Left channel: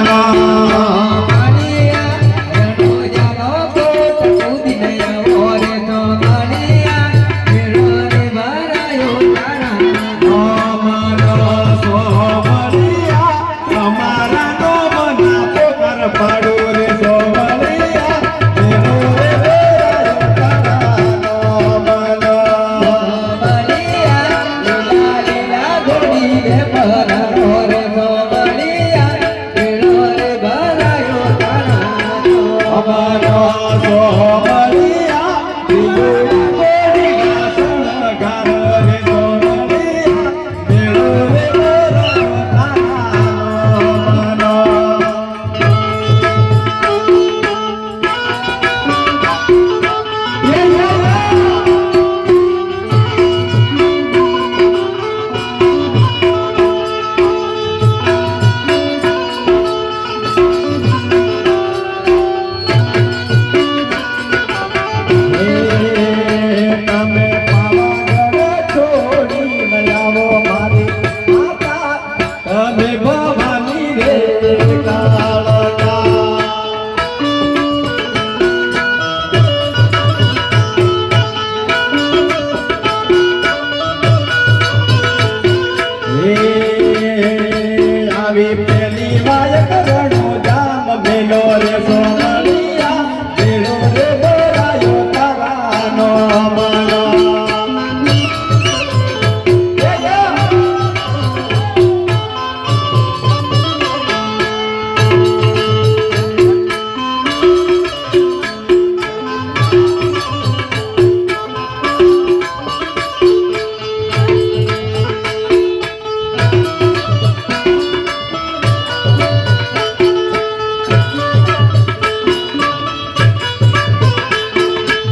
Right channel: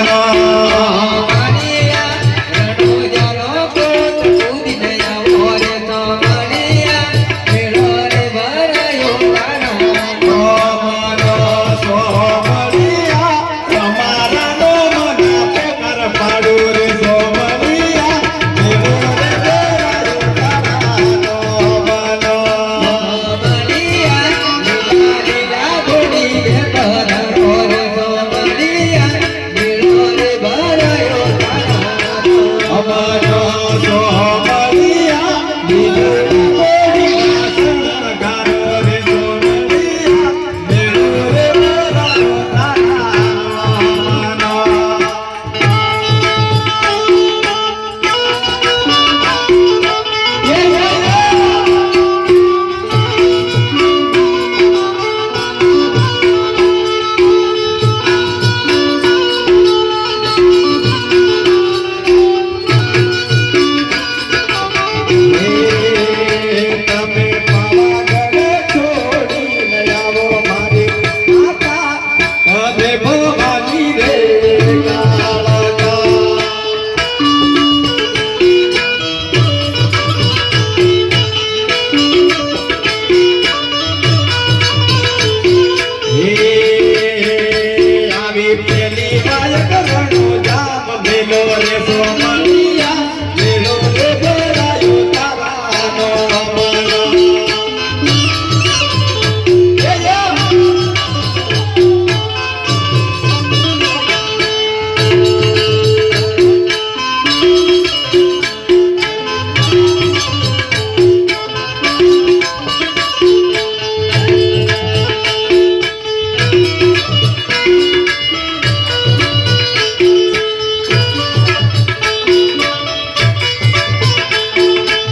Lord.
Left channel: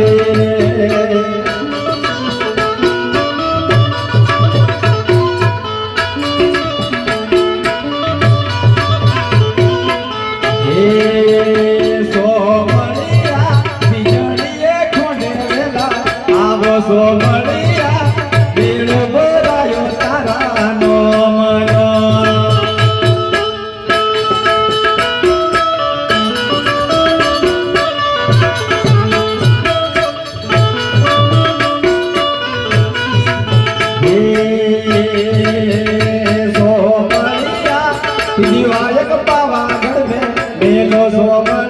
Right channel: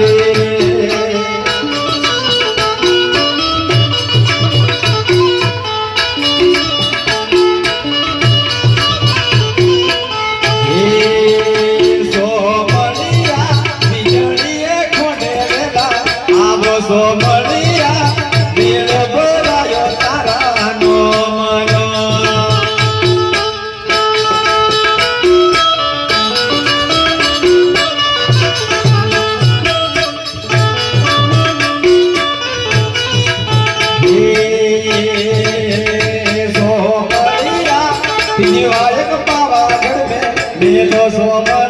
रे પાવાગઢ મેં મેલો સોમલિયા